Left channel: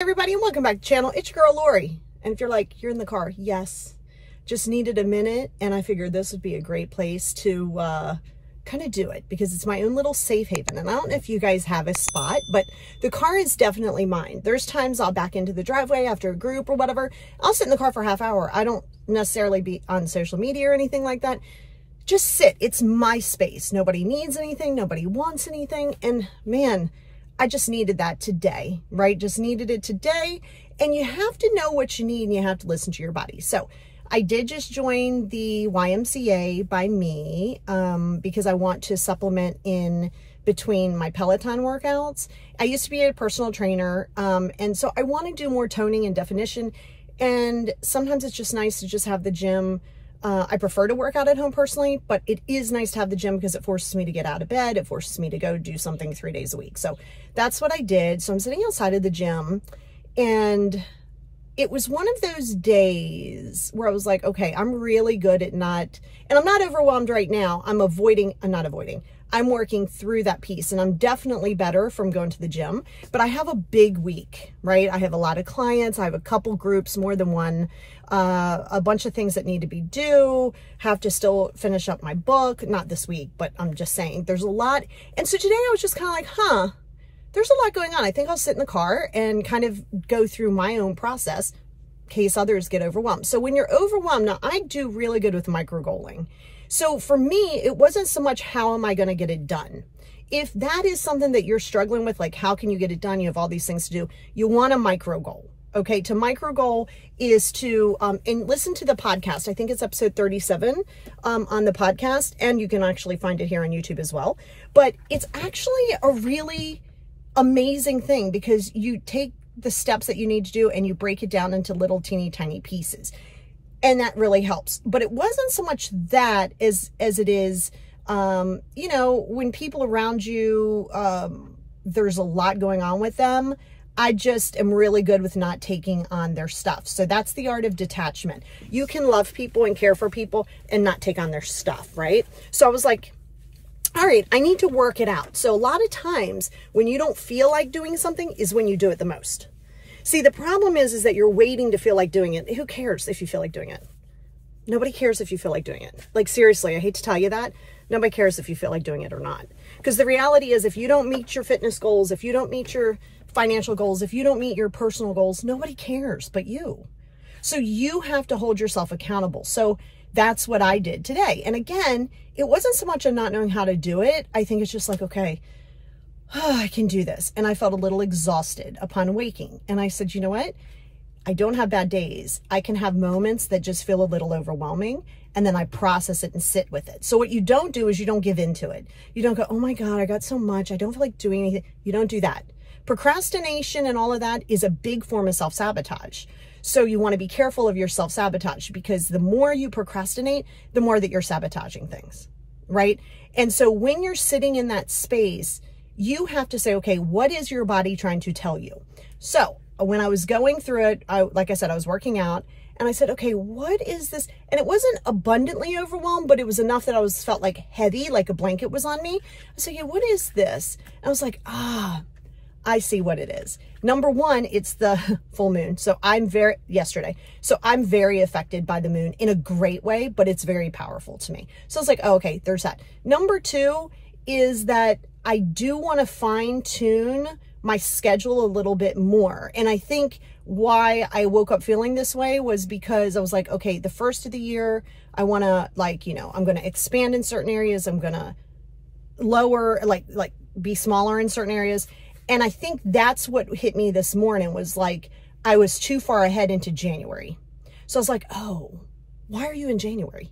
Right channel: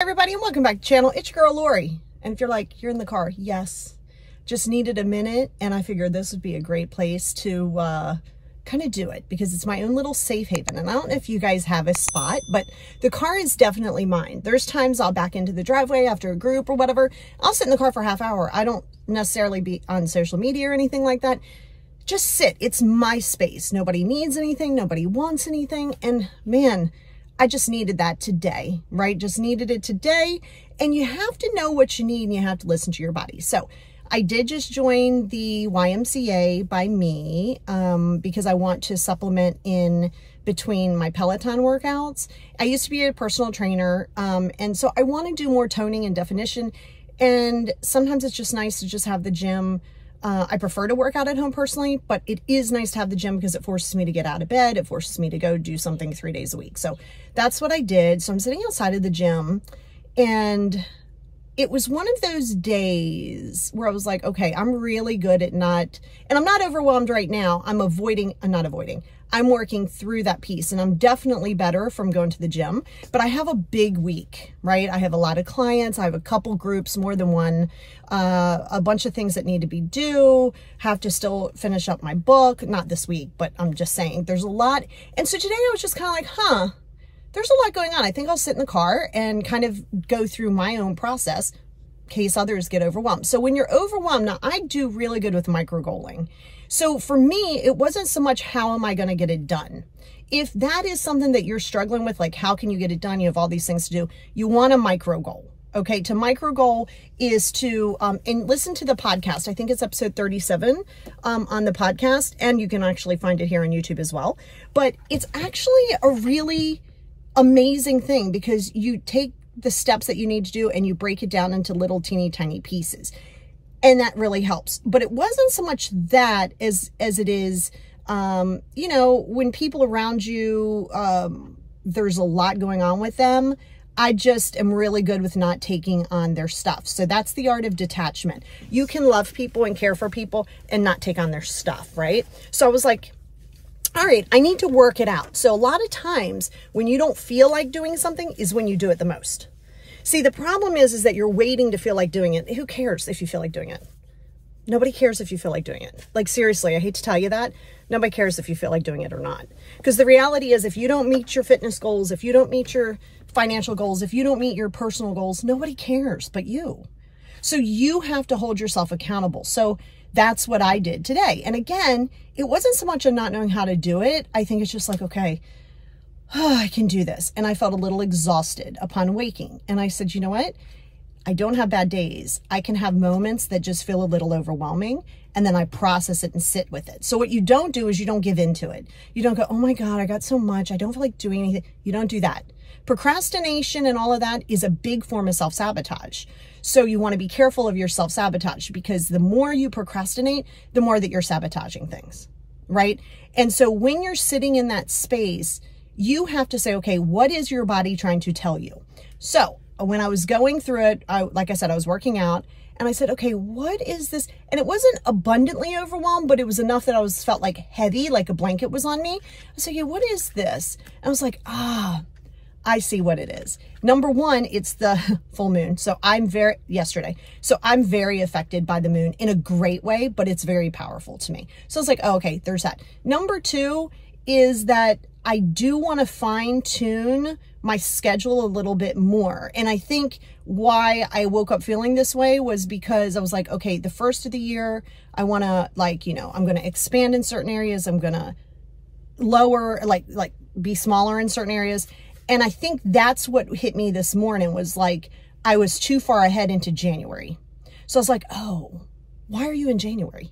Everybody, and welcome back to the channel. It's your girl Lori, and if you're like, you're in the car, yes, just needed a minute, and I figured this would be a great place to kind of do it because it's my own little safe haven. And I don't know if you guys have a spot, but the car is definitely mine. There's times I'll back into the driveway after a group or whatever. I'll sit in the car for a half hour. I don't necessarily be on social media or anything like that. Just sit. It's my space. Nobody needs anything. Nobody wants anything. And man, I just needed that today, right? Just needed it today. And you have to know what you need and you have to listen to your body. So I did just join the YMCA by me because I want to supplement in between my Peloton workouts. I used to be a personal trainer. And so I want to do more toning and definition. And sometimes it's just nice to just have the gym. I prefer to work out at home personally, but it is nice to have the gym because it forces me to get out of bed. It forces me to go do something 3 days a week. So that's what I did. So I'm sitting outside of the gym, and it was one of those days where I was like, okay, I'm really good at not, and I'm not overwhelmed right now. I'm working through that piece, and I'm definitely better from going to the gym, but I have a big week, right? I have a lot of clients. I have a couple groups, more than one, a bunch of things that need to be due, have to still finish up my book, not this week, but I'm just saying there's a lot. And so today I was just kind of like, there's a lot going on. I think I'll sit in the car and kind of go through my own process in case others get overwhelmed. So when you're overwhelmed, now I do really good with micro goaling. So for me, it wasn't so much how am I going to get it done. If that is something that you're struggling with, like how can you get it done? You have all these things to do. You want a micro goal. Okay, to micro goal is to, and listen to the podcast. I think it's episode 37 on the podcast, and you can actually find it here on YouTube as well. But it's actually a really amazing thing because you take the steps that you need to do and you break it down into little teeny tiny pieces. And that really helps. But it wasn't so much that as it is, you know, when people around you, there's a lot going on with them. I just am really good with not taking on their stuff. So that's the art of detachment. You can love people and care for people and not take on their stuff, right? So I was like, all right, I need to work it out. So a lot of times when you don't feel like doing something is when you do it the most. See, the problem is that you're waiting to feel like doing it. Who cares if you feel like doing it? Nobody cares if you feel like doing it. Like, seriously, I hate to tell you that. Nobody cares if you feel like doing it or not. Because the reality is if you don't meet your fitness goals, if you don't meet your financial goals, if you don't meet your personal goals, nobody cares but you. So you have to hold yourself accountable. So that's what I did today. And again, it wasn't so much of not knowing how to do it. I think it's just like, okay, I can do this. And I felt a little exhausted upon waking. And I said, you know what? I don't have bad days. I can have moments that just feel a little overwhelming. And then I process it and sit with it. So what you don't do is you don't give into it. You don't go, oh my God, I got so much. I don't feel like doing anything. You don't do that. Procrastination and all of that is a big form of self-sabotage. So you want to be careful of your self-sabotage because the more you procrastinate, the more that you're sabotaging things, right? And so when you're sitting in that space, you have to say, okay, what is your body trying to tell you? So when I was going through it, like I said, I was working out and I said, okay, what is this? And it wasn't abundantly overwhelmed, but it was enough that I felt like heavy, like a blanket was on me. I said, okay, what is this? And I was like, I see what it is. Number one, it's the full moon. So yesterday. So I'm very affected by the moon in a great way, but it's very powerful to me. So I was like, oh, okay, there's that. Number two is that I do want to fine tune my schedule a little bit more. And I think why I woke up feeling this way was because I was like, okay, the first of the year, I want to I'm going to expand in certain areas. I'm going to lower, be smaller in certain areas. And I think that's what hit me this morning was like, I was too far ahead into January. So I was like, oh, why are you in January?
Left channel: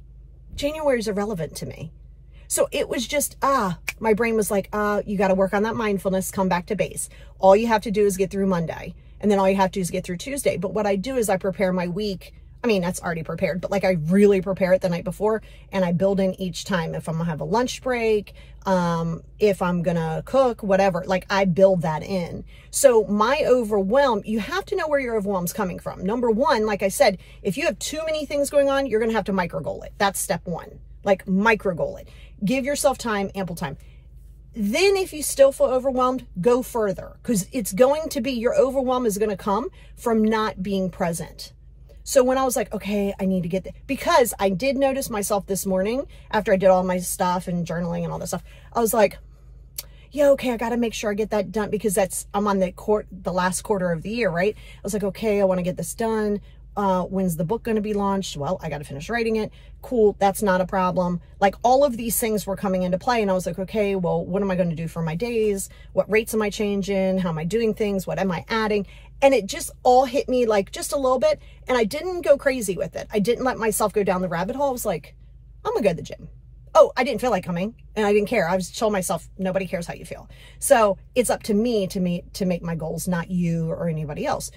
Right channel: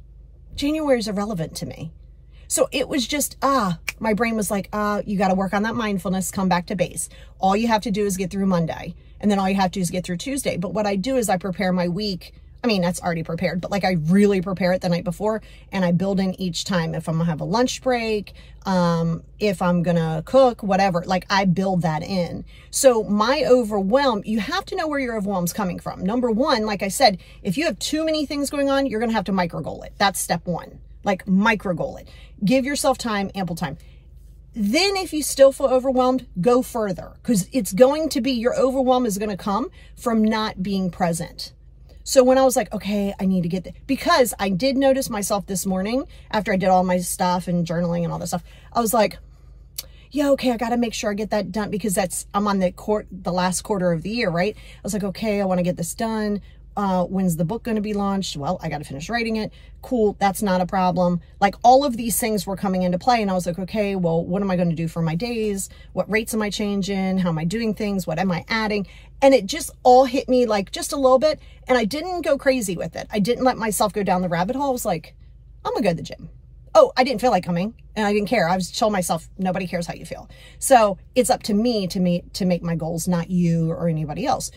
January is irrelevant to me. So it was just, my brain was like, you got to work on that mindfulness, come back to base. All you have to do is get through Monday. And then all you have to do is get through Tuesday. But what I do is I prepare my week. I mean, that's already prepared, but like I really prepare it the night before and I build in each time. If I'm gonna have a lunch break, if I'm gonna cook, whatever, like I build that in. So my overwhelm, you have to know where your overwhelm's coming from. Number one, like I said, if you have too many things going on, you're gonna have to micro goal it. That's step one, like micro goal it. Give yourself time, ample time. Then if you still feel overwhelmed, go further, because it's going to be, your overwhelm is going to come from not being present. So when I was like, okay, I need to get because I did notice myself this morning after I did all my stuff and journaling and all this stuff, I was like, yeah, okay, I got to make sure I get that done, because I'm on the last quarter of the year, right? I was like, okay, I want to get this done. When's the book going to be launched? Well, I got to finish writing it. Cool. That's not a problem. Like, all of these things were coming into play. And I was like, okay, well, what am I going to do for my days? What rates am I changing? How am I doing things? What am I adding? And it just all hit me like just a little bit. And I didn't go crazy with it. I didn't let myself go down the rabbit hole. I was like, I'm going to go to the gym. Oh, I didn't feel like coming, and I didn't care. I was telling myself, nobody cares how you feel. So it's up to me to make my goals, not you or anybody else.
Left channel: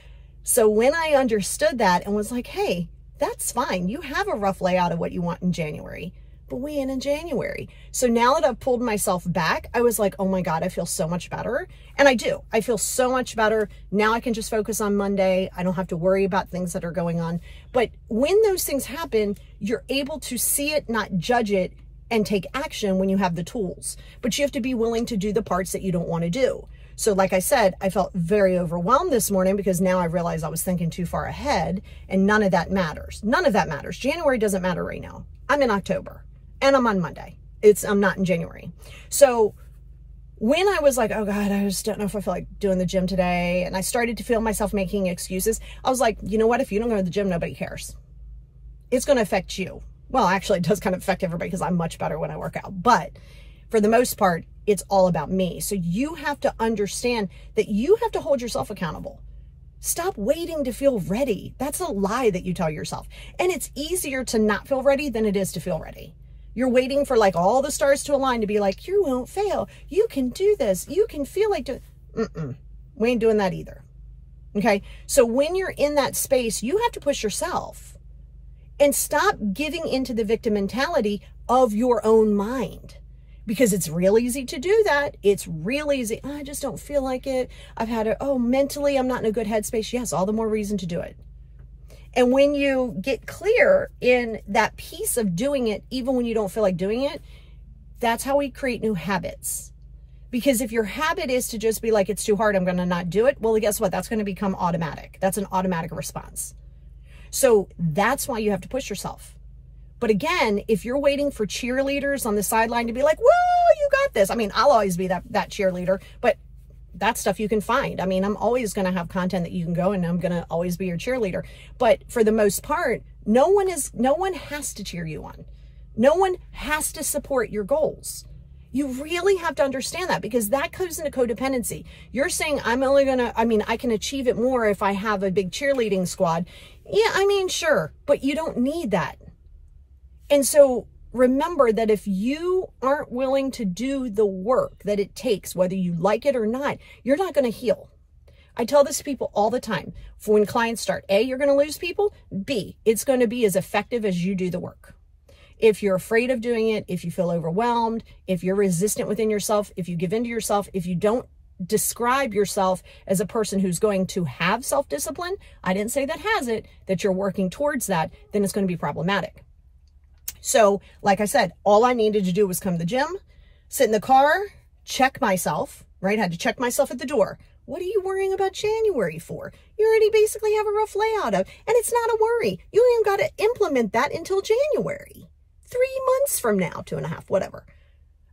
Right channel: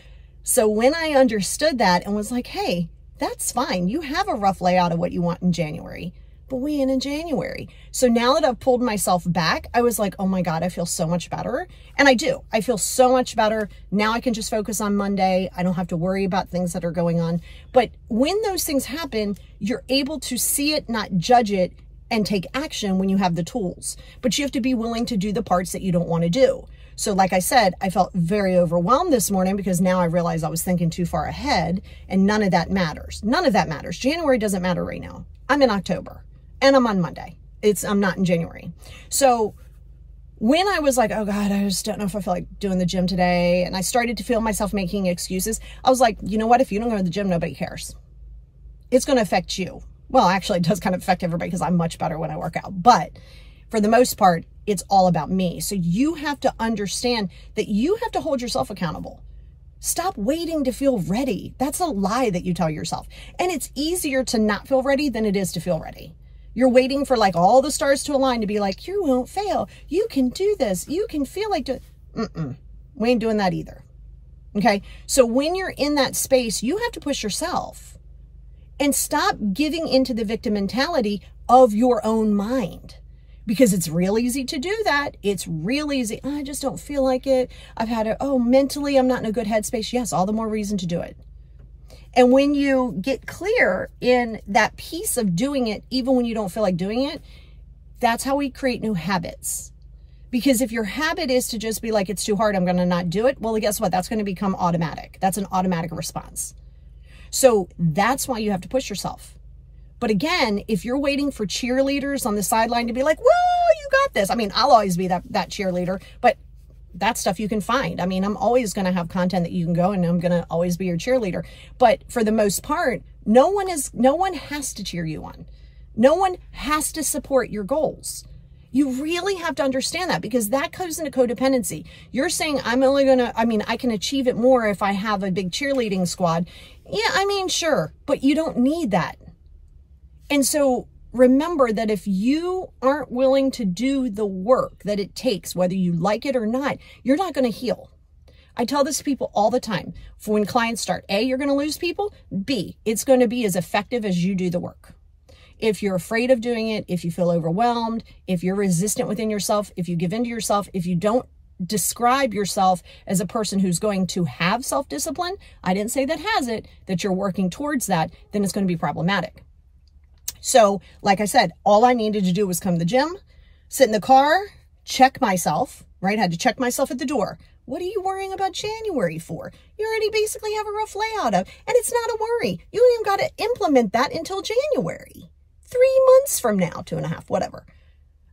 So when I understood that and was like, hey, that's fine. You have a rough layout of what you want in January, but we ain't in January. So now that I've pulled myself back, I was like, oh my God, I feel so much better. And I do. I feel so much better. Now I can just focus on Monday. I don't have to worry about things that are going on. But when those things happen, you're able to see it, not judge it, and take action when you have the tools. But you have to be willing to do the parts that you don't want to do. So like I said, I felt very overwhelmed this morning because now I realized I was thinking too far ahead, and none of that matters. None of that matters. January doesn't matter right now. I'm in October and I'm on Monday. I'm not in January. So when I was like, oh God, I just don't know if I feel like doing the gym today, and I started to feel myself making excuses, I was like, you know what? If you don't go to the gym, nobody cares. It's going to affect you. Well, actually, it does kind of affect everybody because I'm much better when I work out. But for the most part, it's all about me. So you have to understand that you have to hold yourself accountable. Stop waiting to feel ready. That's a lie that you tell yourself. And it's easier to not feel ready than it is to feel ready. You're waiting for like all the stars to align to be like, you won't fail. You can do this. You can feel like we ain't doing that either. Okay. So when you're in that space, you have to push yourself. And stop giving into the victim mentality of your own mind, because it's real easy to do that. It's real easy. Oh, I just don't feel like it. I've had mentally, I'm not in a good headspace. Yes, all the more reason to do it. And when you get clear in that piece of doing it, even when you don't feel like doing it, that's how we create new habits. Because if your habit is to just be like, it's too hard, I'm going to not do it. Well, guess what? That's going to become automatic. That's an automatic response. So that's why you have to push yourself. But again, if you're waiting for cheerleaders on the sideline to be like, well, you got this. I mean, I'll always be that cheerleader, but that's stuff you can find. I mean, I'm always going to have content that you can go, and I'm going to always be your cheerleader. But for the most part, no one has to cheer you on. No one has to support your goals. You really have to understand that, because that goes into codependency. You're saying, I can achieve it more if I have a big cheerleading squad. Yeah, I mean, sure, but you don't need that. And so remember that if you aren't willing to do the work that it takes, whether you like it or not, you're not going to heal. I tell this to people all the time. For when clients start, A, you're going to lose people. B, it's going to be as effective as you do the work. If you're afraid of doing it, if you feel overwhelmed, if you're resistant within yourself, if you give in to yourself, if you don't describe yourself as a person who's going to have self-discipline, I didn't say that has it, that you're working towards that, then it's going to be problematic. So, like I said, all I needed to do was come to the gym, sit in the car, check myself, right? I had to check myself at the door. What are you worrying about January for? You already basically have a rough layout of, and it's not a worry. You ain't even got to implement that until January. 3 months from now, 2.5, whatever.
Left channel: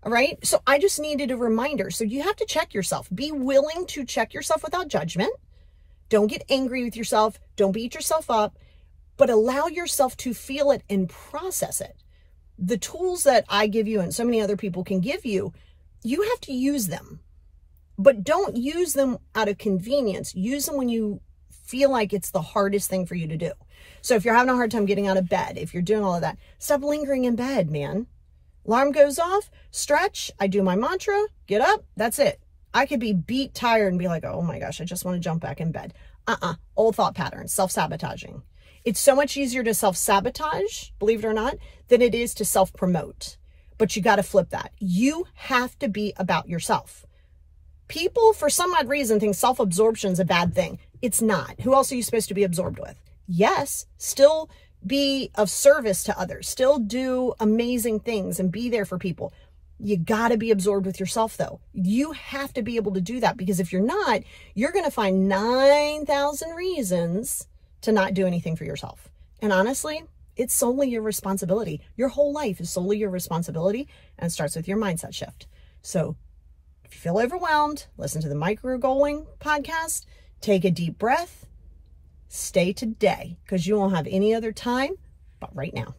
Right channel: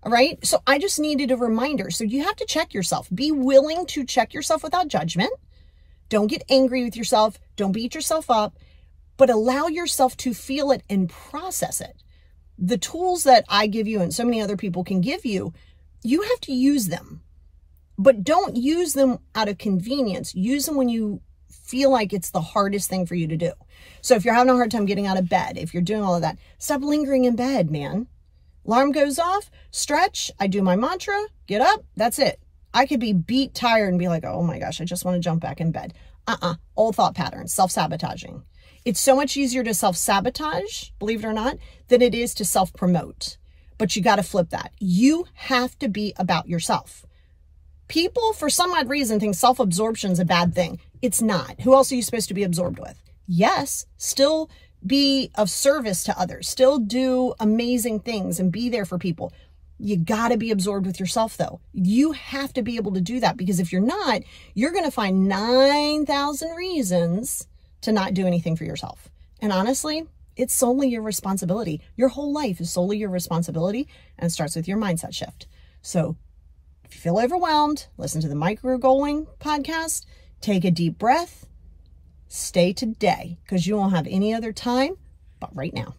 All right. So I just needed a reminder. So you have to check yourself. Be willing to check yourself without judgment. Don't get angry with yourself. Don't beat yourself up, but allow yourself to feel it and process it. The tools that I give you and so many other people can give you, you have to use them, but don't use them out of convenience. Use them when you feel like it's the hardest thing for you to do. So if you're having a hard time getting out of bed, if you're doing all of that, stop lingering in bed, man. Alarm goes off, stretch, I do my mantra, get up, that's it. I could be beat, tired, and be like, oh my gosh, I just want to jump back in bed. Old thought patterns, self-sabotaging. It's so much easier to self-sabotage, believe it or not, than it is to self-promote. But you got to flip that. You have to be about yourself. People, for some odd reason, think self-absorption is a bad thing. It's not. Who else are you supposed to be absorbed with? Yes, still be of service to others, still do amazing things and be there for people. You got to be absorbed with yourself, though. You have to be able to do that, because if you're not, you're going to find 9,000 reasons to not do anything for yourself. And honestly, it's solely your responsibility. Your whole life is solely your responsibility, and it starts with your mindset shift. So if you feel overwhelmed, listen to the Micro Goaling podcast, take a deep breath, stay today, because you won't have any other time but right now.